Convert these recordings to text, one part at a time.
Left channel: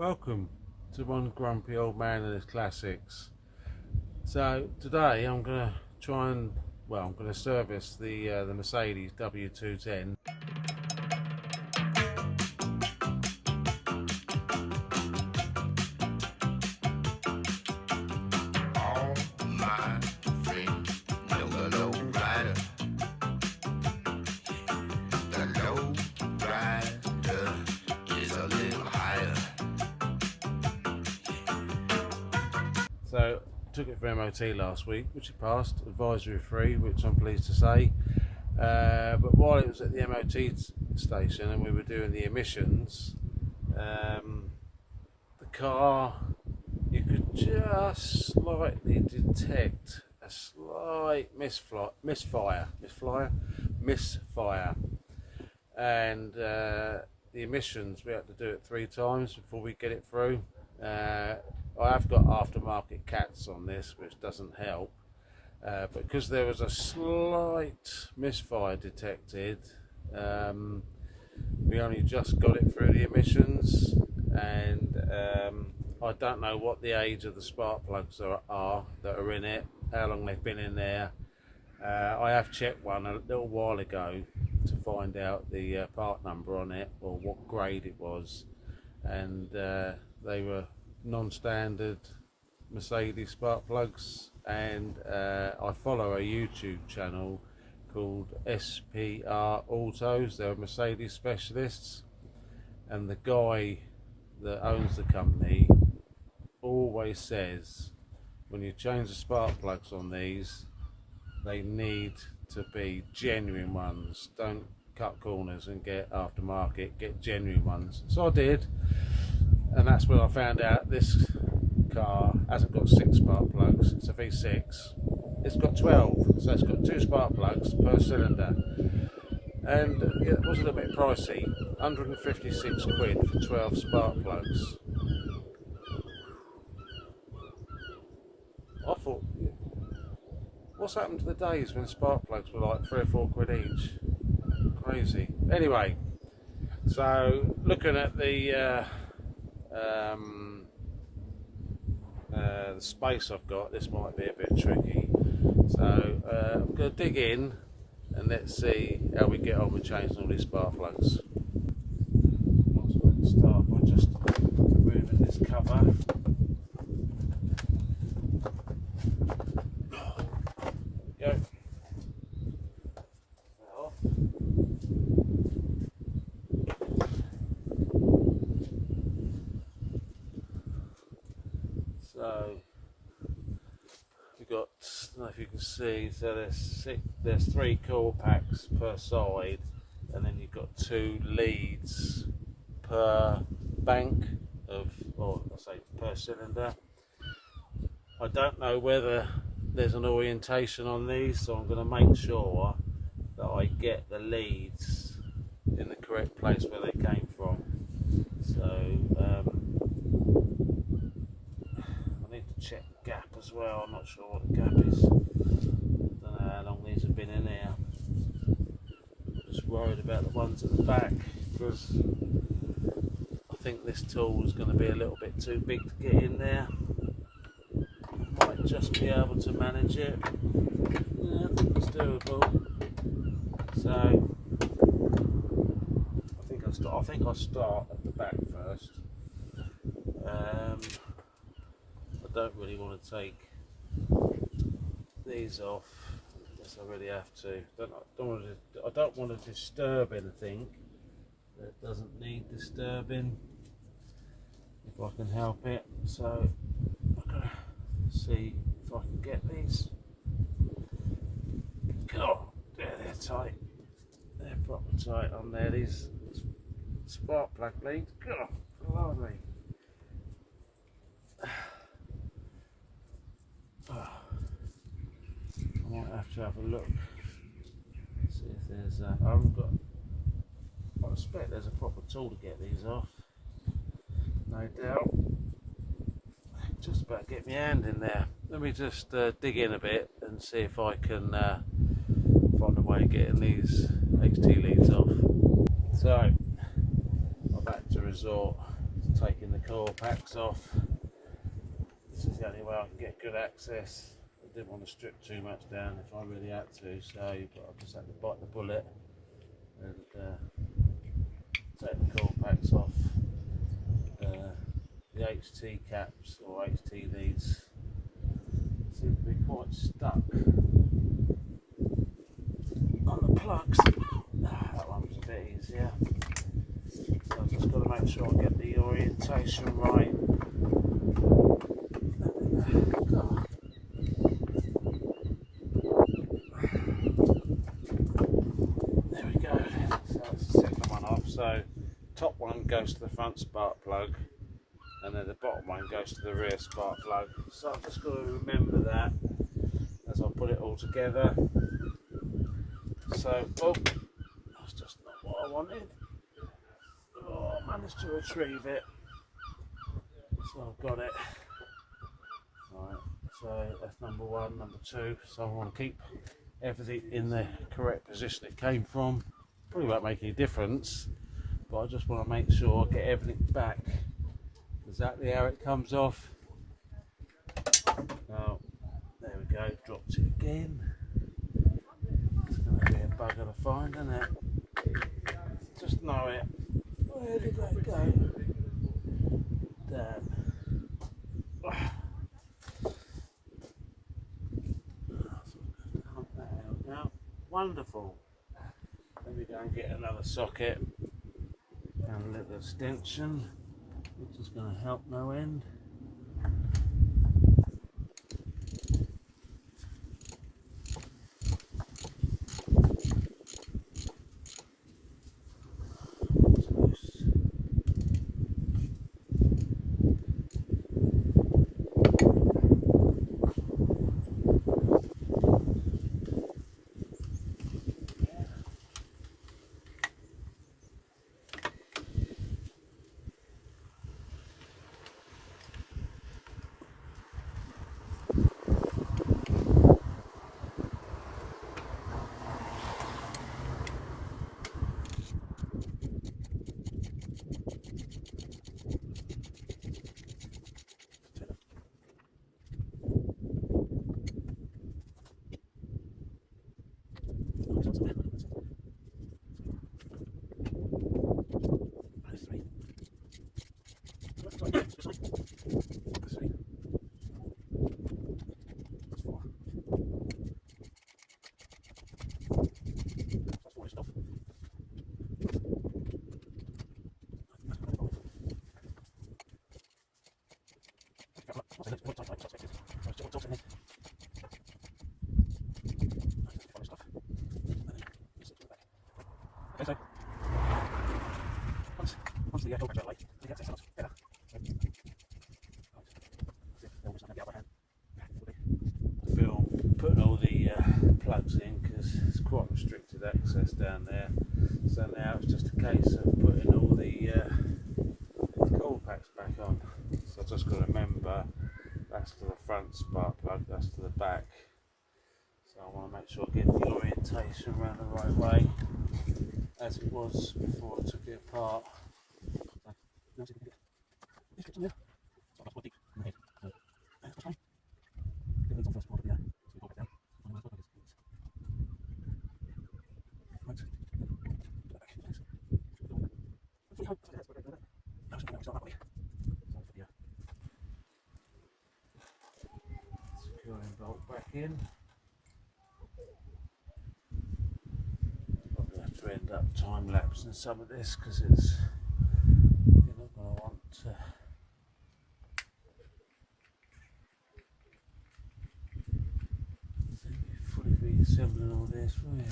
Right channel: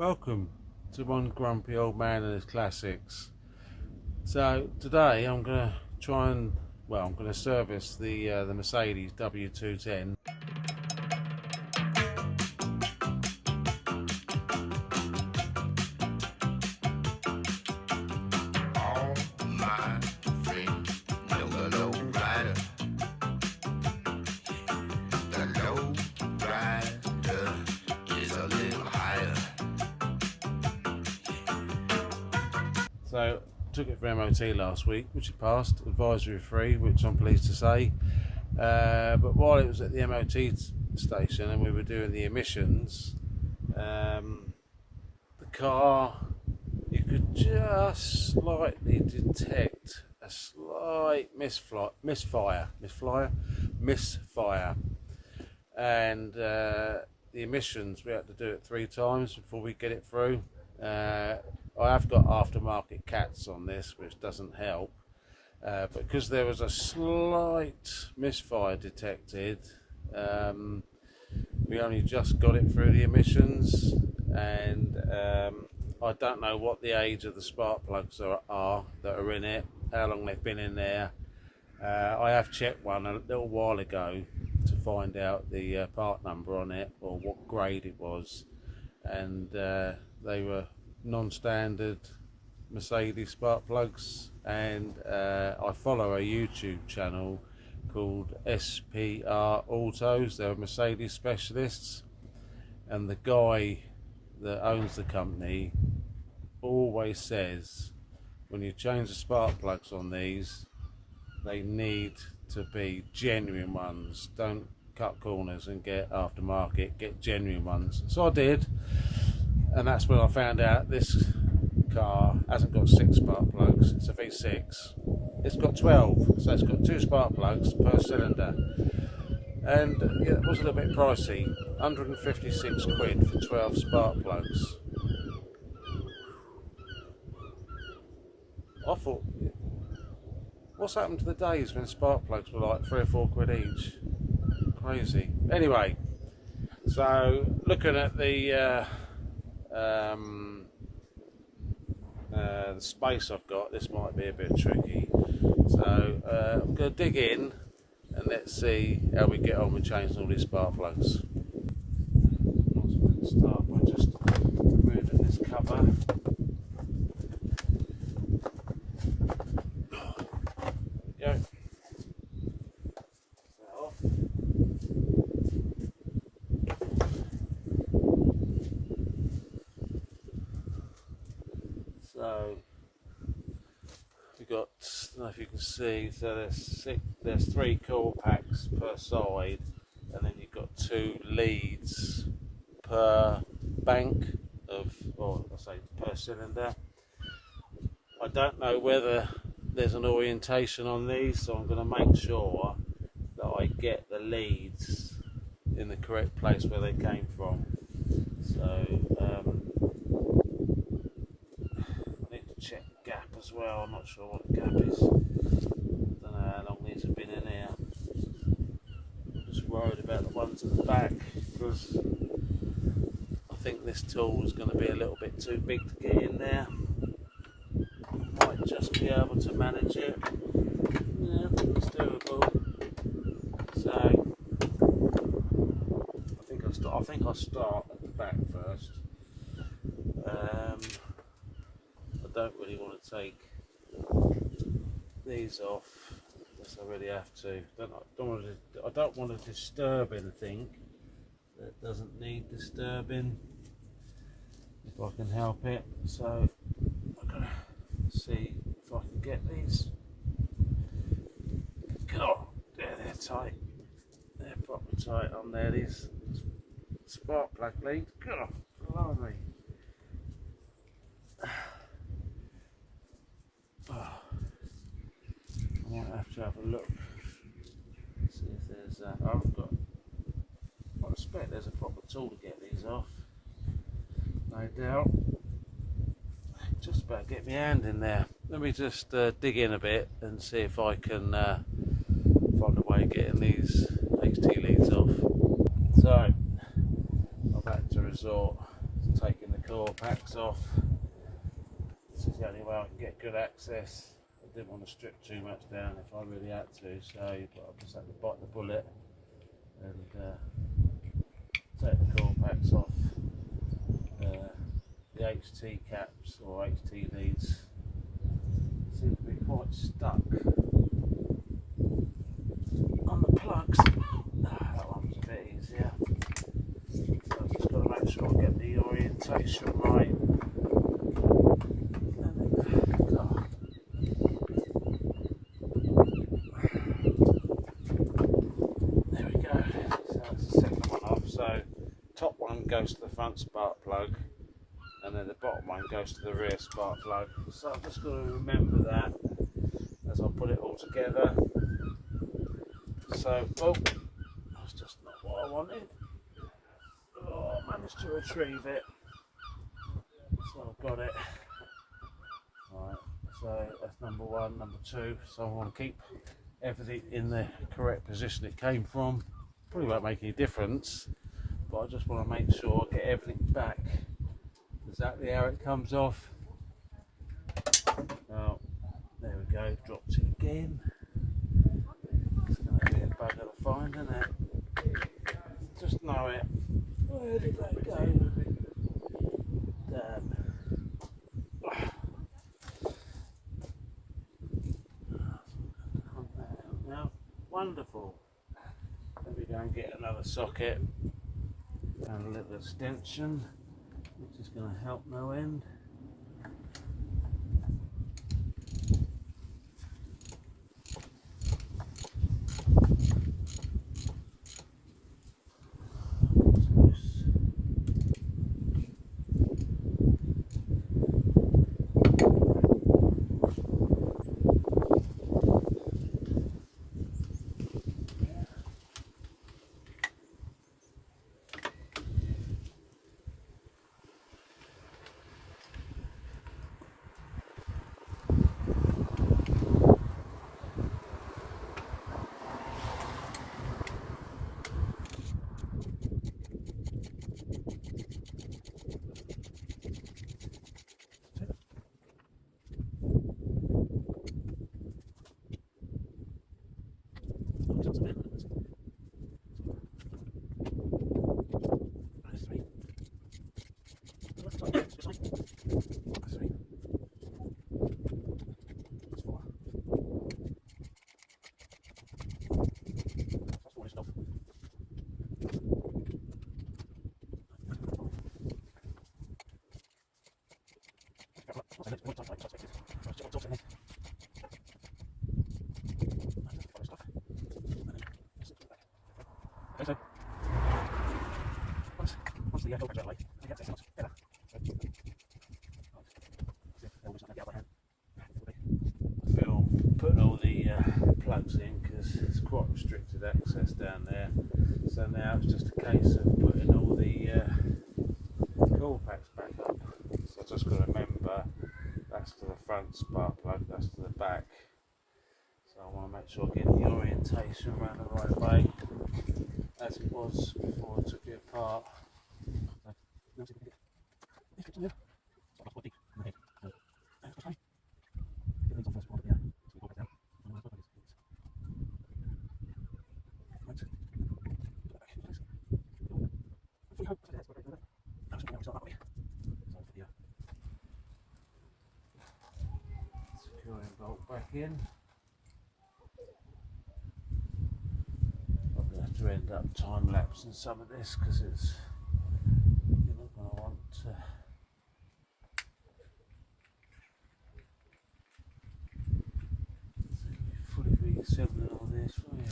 Welcome to one grumpy old man and his classics. So today I'm going to try and, I'm going to service the Mercedes W210. All my friends know the low rider. The low rider is a little higher. So took it for MOT last week, which it passed, advisory free, which I'm pleased to say. But while it was at the MOT station and we were doing the emissions, the car, you could just slightly detect a slight misfire, and the emissions, we had to do it 3 times before we get it through. I have got aftermarket cats on this, which doesn't help, but because there was a slight misfire detected, we only just got it through the emissions, and I don't know what the age of the spark plugs are that are in it, how long they've been in there. I have checked one a little while ago to find out the part number on it, or what grade it was, and they were non-standard Mercedes spark plugs. And I follow a YouTube channel called SPR Autos. They're Mercedes specialists, and the guy that owns the company always says when you change the spark plugs on these, they need to be genuine ones. Don't cut corners and get aftermarket, get genuine ones. So I did, and that's when I found out this car hasn't got 6 spark plugs. It's a V6. It's got 12, so it's got 2 spark plugs per cylinder, and it was a little bit pricey, 156 quid for 12 spark plugs. I thought, what's happened to the days when spark plugs were like 3 or 4 quid each? Crazy. Anyway, so looking at the space I've got, this might be a bit tricky. So I'm going to dig in and let's see how we get on with changing all these spark plugs. I'm going to start by just removing this cover. There we go. So we've got, I don't know if you can see, so there's 3 core packs per side, and then you've got 2 leads per bank of, or I say per cylinder. I don't know whether there's an orientation on these, so I'm going to make sure that I get the leads in the correct place where they came from. So check the gap as well. I'm not sure what the gap is. I don't know how long these have been in here. I'm just worried about the ones at the back, because I think this tool is going to be a little bit too big to get in there. Might just be able to manage it. Yeah, I think it's doable. So I think I'll start at the back first. I don't really want to take these off unless I really have to. I don't want to disturb anything that doesn't need disturbing, if I can help it. So I'm going to see if I can get these. Oh, there, they're tight. They're proper tight on there. These spark plug leads. God, blimey. I might have to have a look, see if there's I expect there's a proper tool to get these off, no doubt. Just about get my hand in there. Let me just dig in a bit and see if I can find a way of getting these HT leads off. So I've had to resort taking the coil packs off. This is the only way I can get good access. I didn't want to strip too much down if I really had to, so but I just had to bite the bullet and take the coil packs off. The HT caps or HT leads seem to be quite stuck on the plugs. That one's a bit easier. So I've just got to make sure I get the orientation right. There we go. So that's the second one off. So top one goes to the front spark plug, and then the bottom one goes to the rear spark plug. So I've just got to remember that as I put it all together. So, oh, that's just not what I wanted. Oh, I managed to retrieve it. So I've got it. Right, so that's number one. Number two, so I want to keep everything in the correct position it came from. Probably won't make any difference, but I just want to make sure I get everything back exactly how it comes off. Oh, there we go, dropped it again. It's going to be a bugger to find, isn't it? Just know it. Where did that go? Damn. Now, wonderful. Let me go and get another socket and a little extension, which is going to help no end. Once the coil packs are light, the access sounds better. Film putting all the plugs in because it's quite restricted access down there. So now it's just a case of putting all the coil packs back up. So I've just got to remember that's to the front spark plug, that's to the back. So I want to make sure I get the orientation around the right way as it was before I took it apart. Securing bolt back in. I'm going to have to end up time lapsing some of this because it's you're not going to want to. Fully reassembling all this, will you?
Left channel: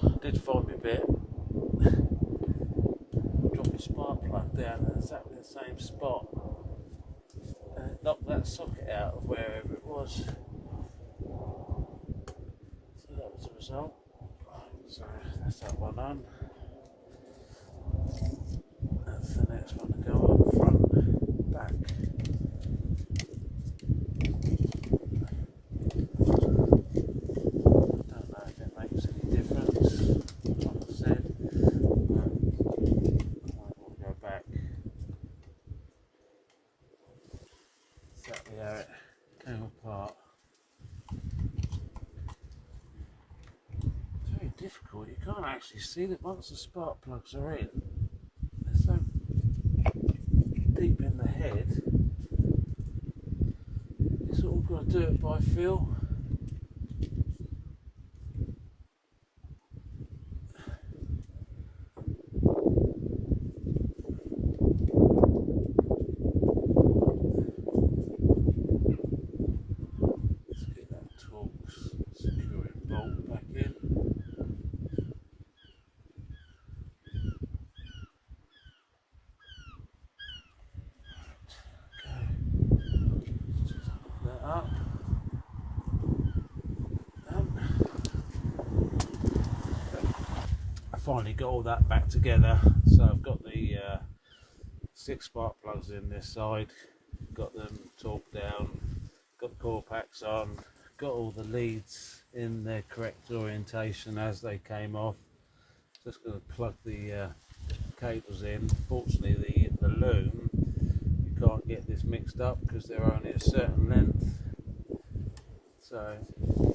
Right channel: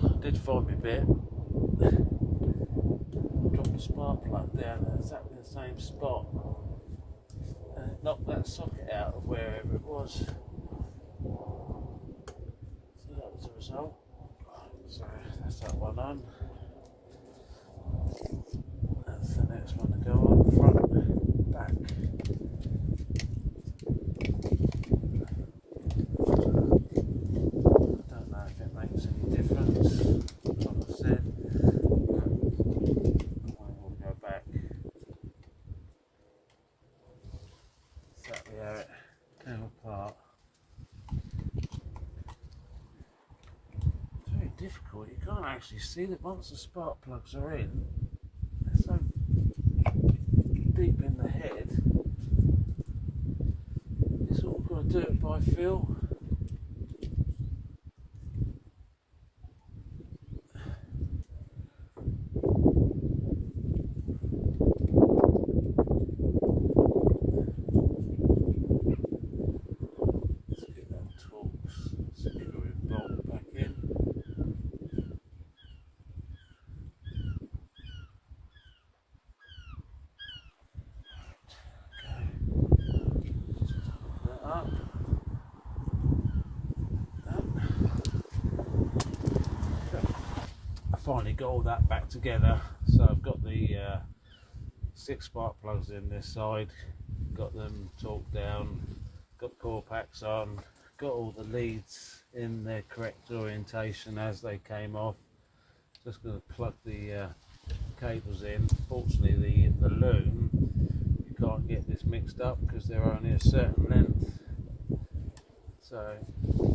I did find me a bit. Dropped the spark plug down in exactly the same spot. And it knocked that socket out of wherever it was. So that was the result. So That's that one on. That's the next one to go on, front, back. I don't know if it makes any difference, like I said, but I want to go back. Exactly how it came apart. It's very difficult, you can't actually see that once the spark plugs are in, they're so deep in the head, you sort of got to do it by feel. Let's get that Torx securing bolt back in. Up. I finally got all that back together, so I've got the 6 spark plugs in this side, got them torqued down, got the core packs on, got all the leads in their correct orientation as they came off. Just going to plug the cables in. Fortunately the loom, you can't get this mixed up because they're only a certain length, so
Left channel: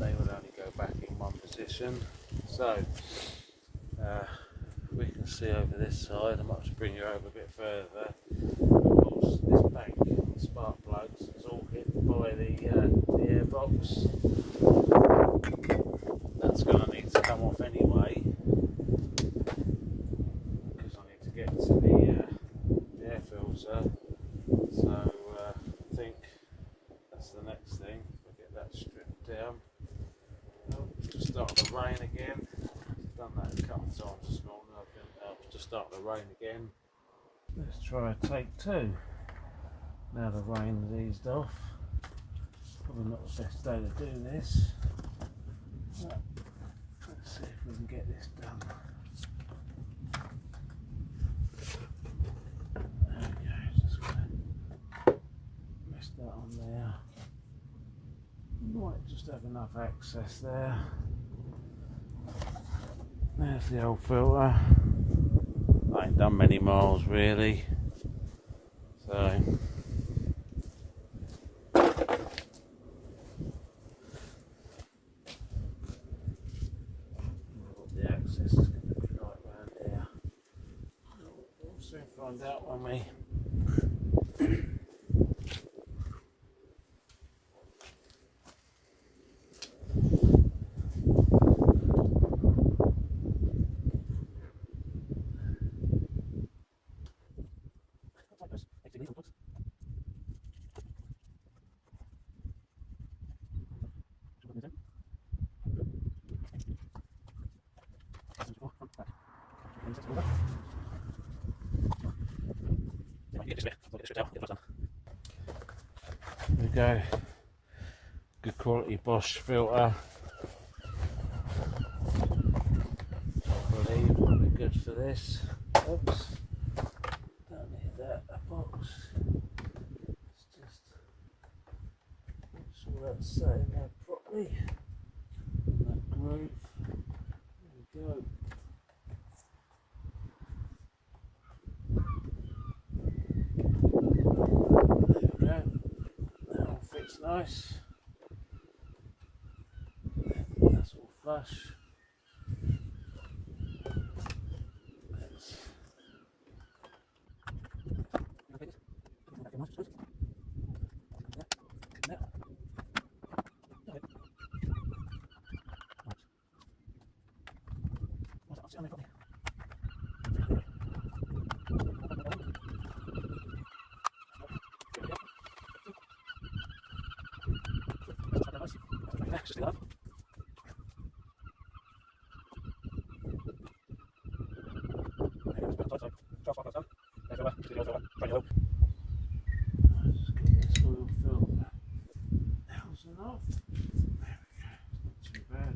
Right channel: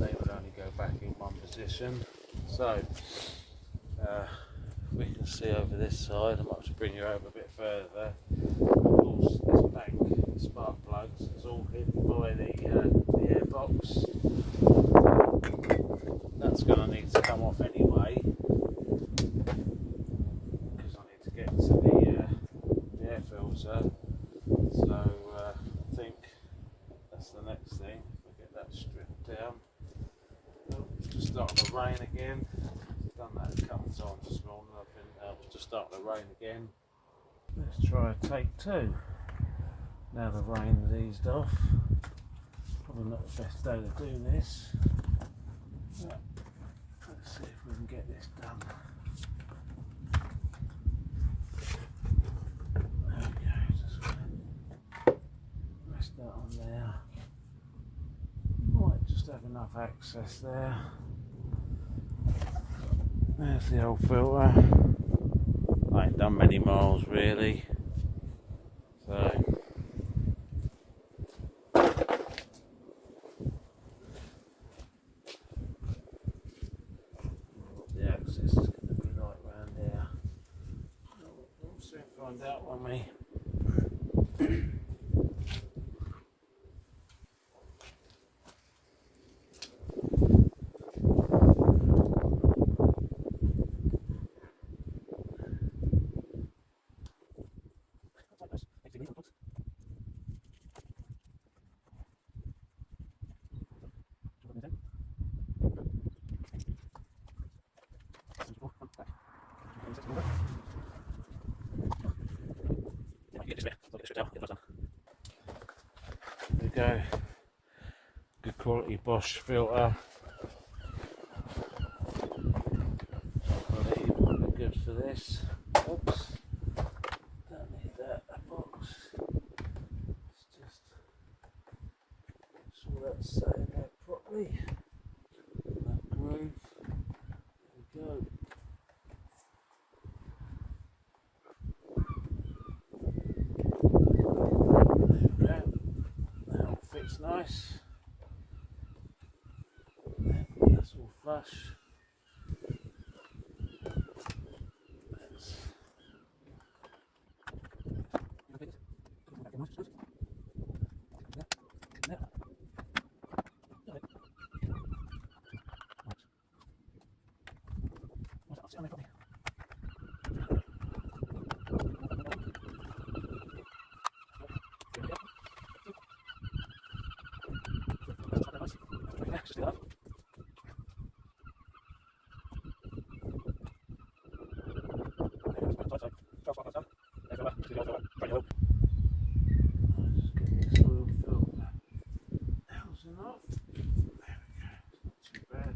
they would only go back in one position. So we can see over this side. I might just bring you over a bit further. Of course, this bank, the spark plugs, is all hit by the airbox. That's going to need to come off anyway, because I need to get to the air filter. So I think that's the next thing. We'll get that stripped down. Oh, it's just starting to rain again. I've done that a couple of times this morning. I've been just starting to rain again. Let's try a take 2. Now the rain's eased off. Probably not the best day to do this. But let's see if we can get this done. There we go. Just gonna rest that on there. Might just have enough access there. There's the old filter. I ain't done many miles really, so what the access is going to be like around here. We'll soon find out, won't we? There we go. Good quality Bosch filter. Really, we're good for this. Oops. Don't need that box. It's just make sure that's sitting there properly. In that groove. There we go. That all fits nice. That's all flush. Just get this oil filter housing off. There we go, it's not too bad.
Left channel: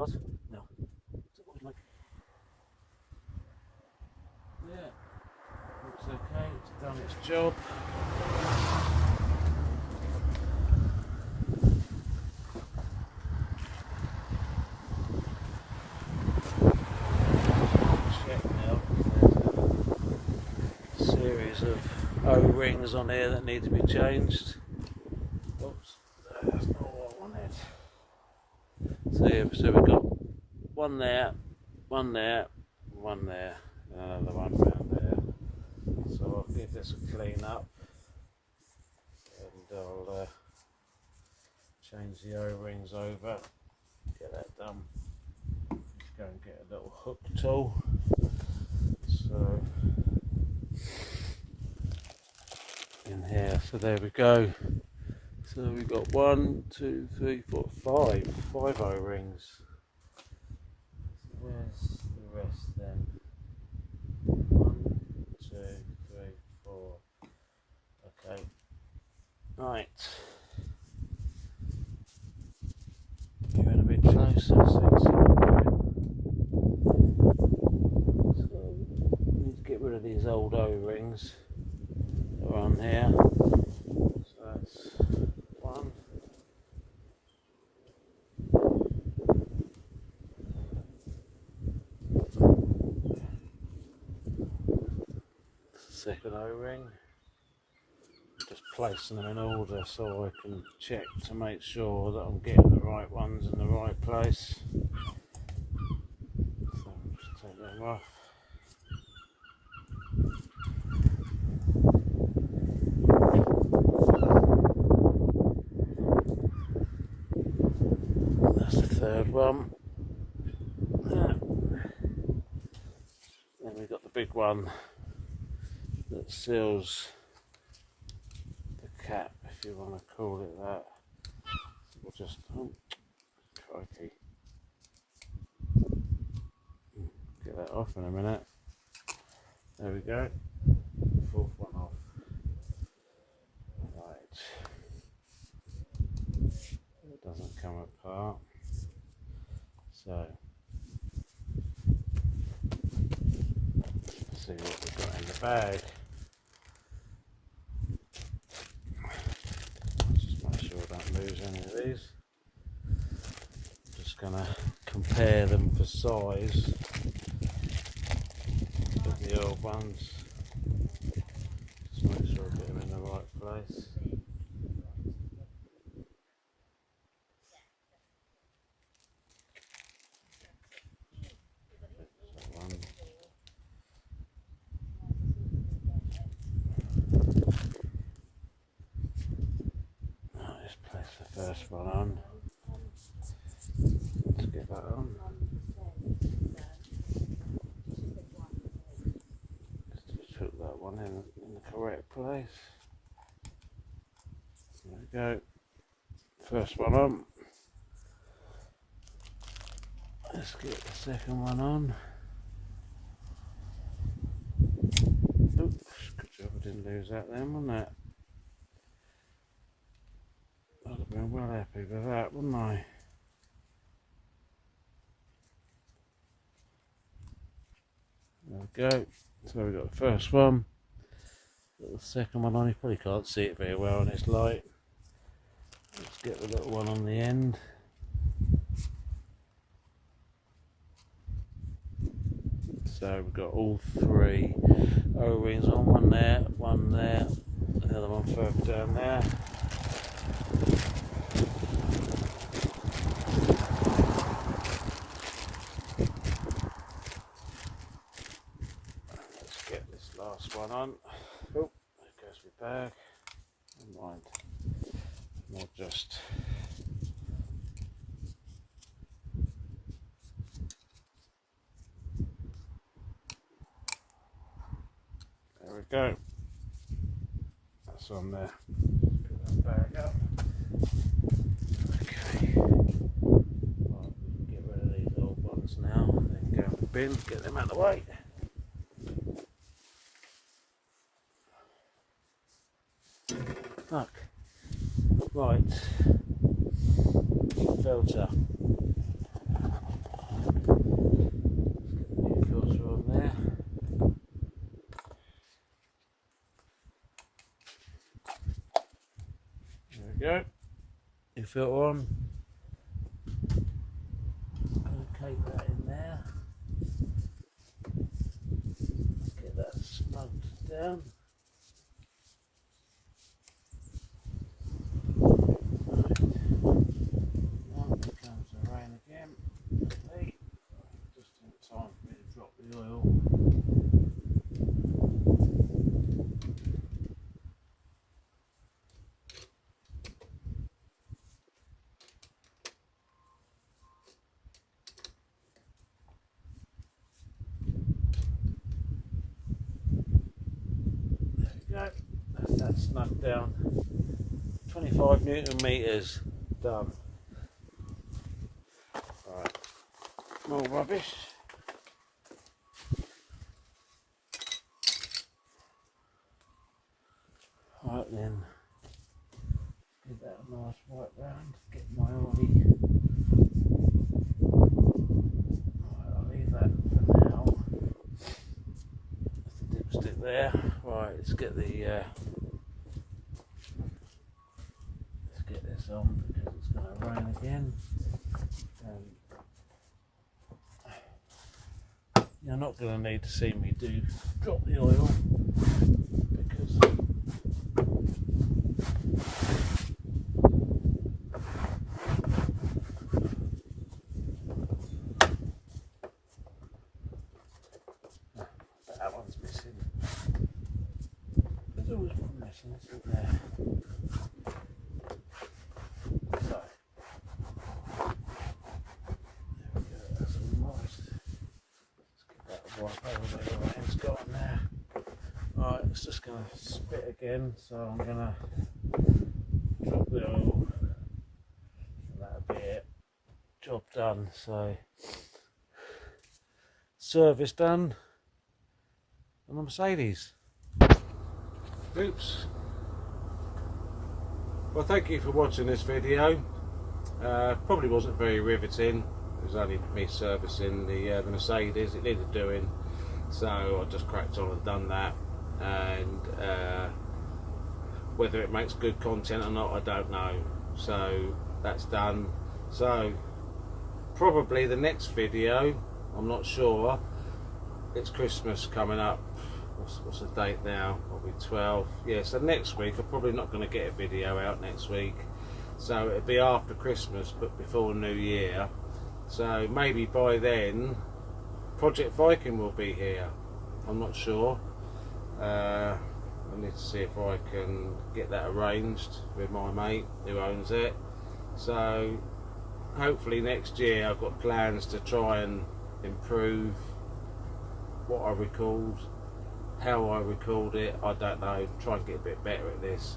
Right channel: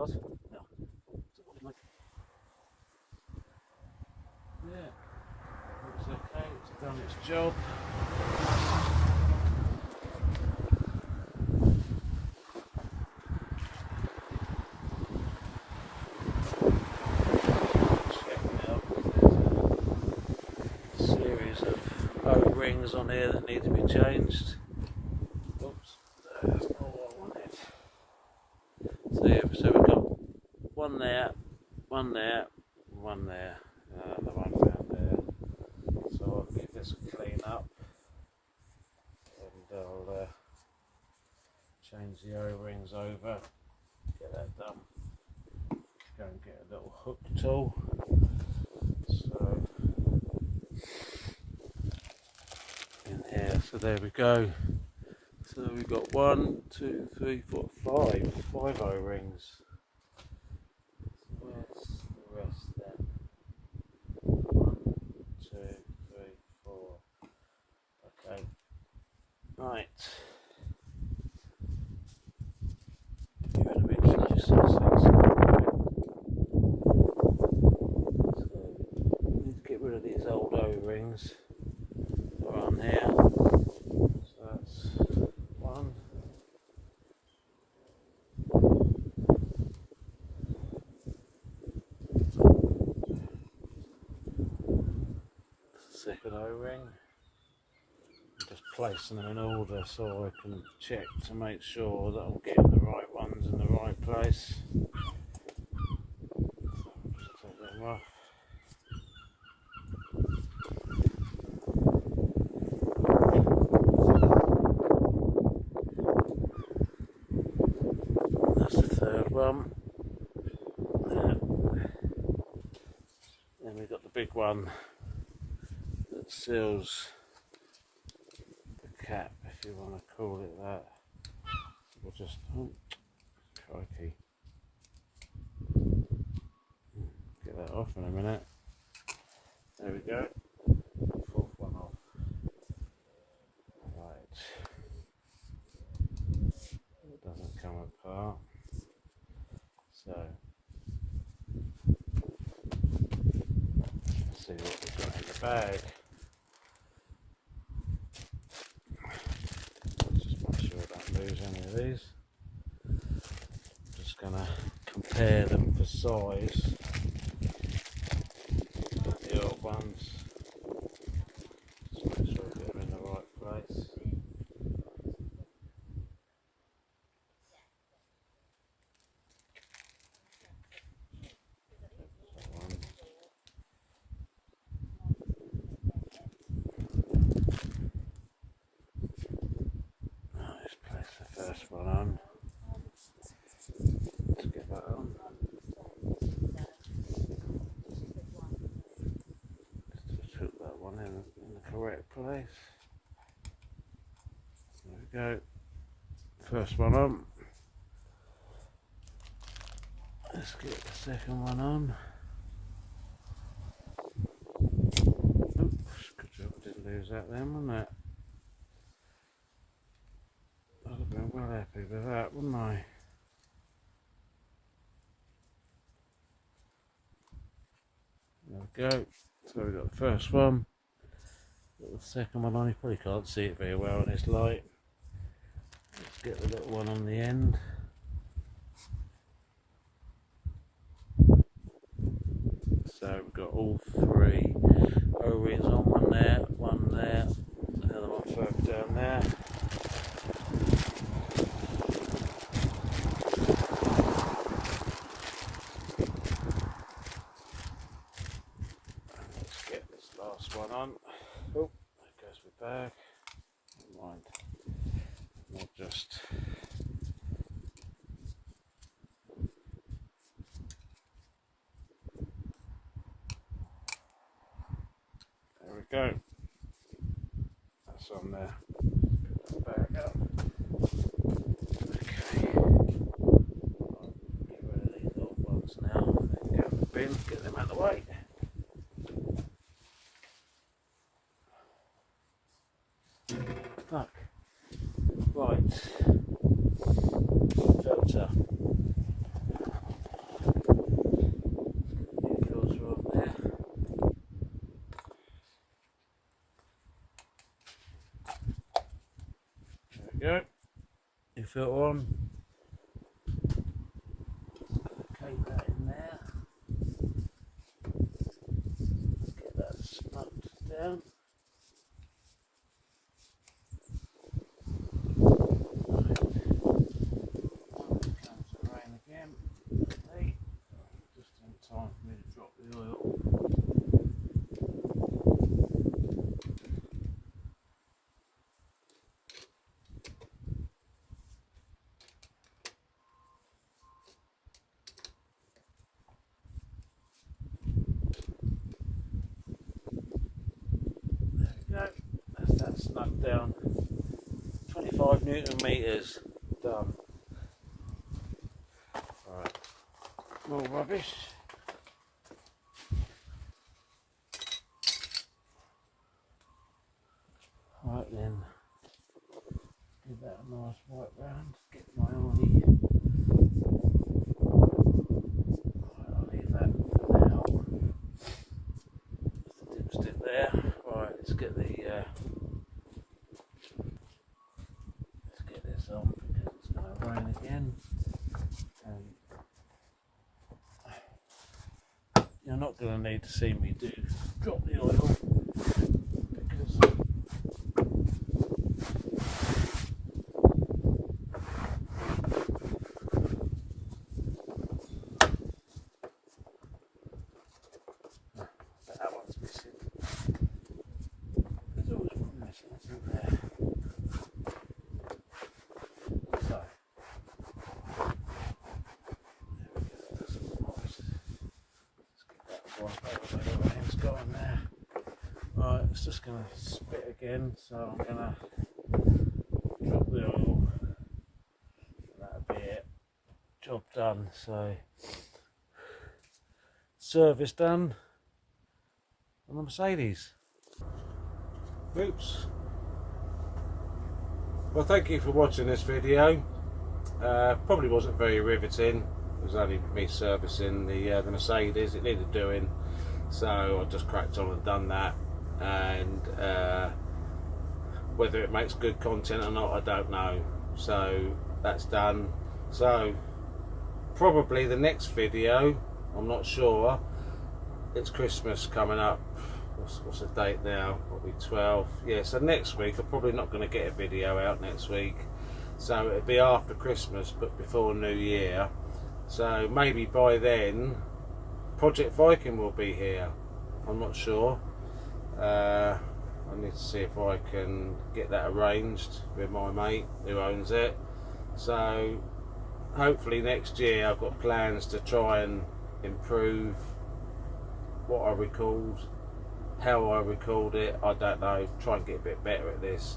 No. Yeah, looks okay, it's done its job. Check now, there's a series of O-rings on here that need to be changed. Oops, that's not what I wanted. So yeah, so we've got one there, one there, one there, and another one down there. So I'll give this a clean up and I'll change the O-rings over, get that done. Just go and get a little hook tool. So in here, so there we go. So we've got 1, 2, 3, 4, 5 O-rings. So where's the rest then? 1, 2, 3, 4. Okay. Right. Get a bit closer so we need to get rid of these old O-rings on here. So that's 1. Second O-ring. I'm just placing them in order so I can check to make sure that I'm getting the right ones in the right place. So I'll just take them off. That's the third one. Then we've got the big one that seals the cap, if you want to call it that. We'll just, oh, crikey, get that off in a minute. There we go. Fourth one off. Right. It doesn't come apart. So let's see what we've got in the bag. Just make sure I don't lose any of these. I'm just going to compare them for size with the old ones. Just make sure I get them in the right place. First one on. Let's get that on. Just put that one in the correct place. There we go. First one on. Let's get the second one on. Oops, good job I didn't lose that then, wasn't it? I'd have been well happy with that, wouldn't I? There we go. So we've got the first one. Got the second one on. You probably can't see it very well in this light. Let's get the little one on the end. So we've got all 3 O-rings on, one there, another one further down there. Let's get this last one on. Oh, there goes my bag. Never mind. I'll just there we go. That's on there. Put that back up. Okay. Right, get rid of these old ones now. Then go in the bin, get them out of the way. Look. Right. Filter. new filter on. Locate that in there. Get that snugged down. Comes the rain again. Okay. Just in time for me to drop the oil. There we go. That's that snugged down. 25 Newton meters done. Right. More rubbish. Right then, give that a nice wipe round, get my ollie. Right, I'll leave that for now. The dipstick there. Right, let's get this on because it's going to rain again. And you're not going to need to see me drop the oil because that one's missing. There's always one missing, isn't there? So there we go, that's organised. Let's get that wipe over the other hand's gone there. Right, it's just going to spit again, so I'm going to drop the oil and that'll be it. Job done. So service done on the Mercedes. Oops. Well, thank you for watching this video. Probably wasn't very riveting. It was only me servicing the Mercedes. It needed doing, so I just cracked on and done that. And whether it makes good content or not, I don't know. So that's done. So probably the next video, I'm not sure. It's Christmas coming up. What's the date now? Probably 12. Yeah, so next week I'm probably not going to get a video out next week. So it'll be after Christmas, but before New Year. So maybe by then, Project Viking will be here. I'm not sure. I need to see if I can get that arranged with my mate who owns it. So hopefully next year I've got plans to try and improve what I record, how I record it. I don't know, try and get a bit better at this.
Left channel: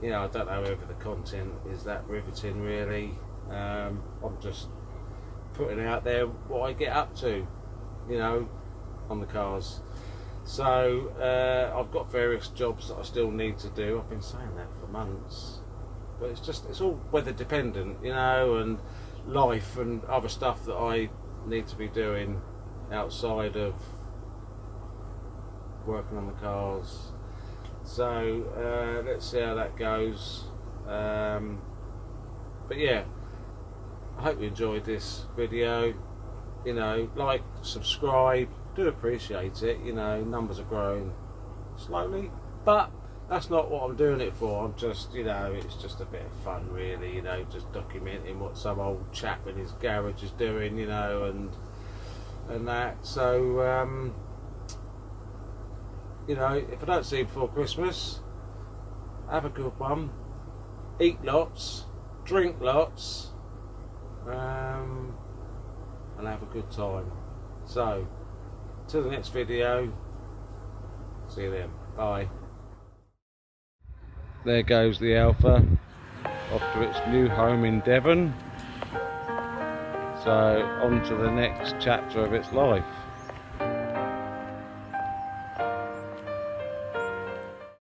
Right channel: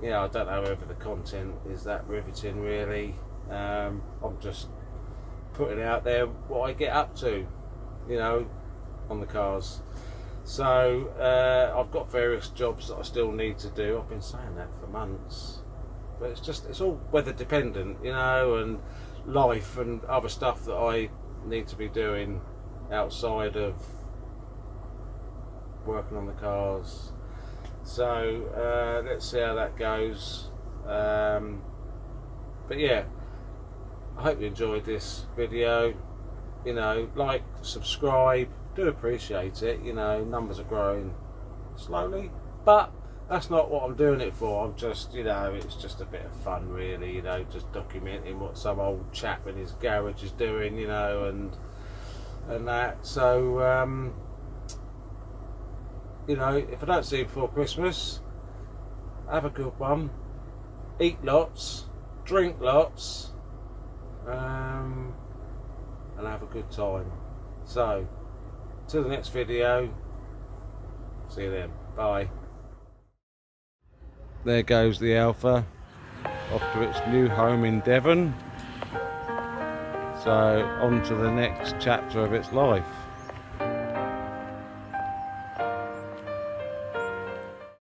You know, I don't know whether the content is that riveting really. I'm just putting out there what I get up to, you know, on the cars. So I've got various jobs that I still need to do. I've been saying that for months, but it's all weather dependent, you know, and life and other stuff that I need to be doing outside of working on the cars. So let's see how that goes. But yeah, I hope you enjoyed this video. You know, like, subscribe, do appreciate it. You know, numbers are growing slowly, but that's not what I'm doing it for. I'm just, you know, it's just a bit of fun really, you know, just documenting what some old chap in his garage is doing, you know, and that. So you know, if I don't see you before Christmas, have a good one, eat lots, drink lots, and have a good time. So till the next video, see you then, bye. There goes the Alpha off to its new home in Devon. So on to the next chapter of its life.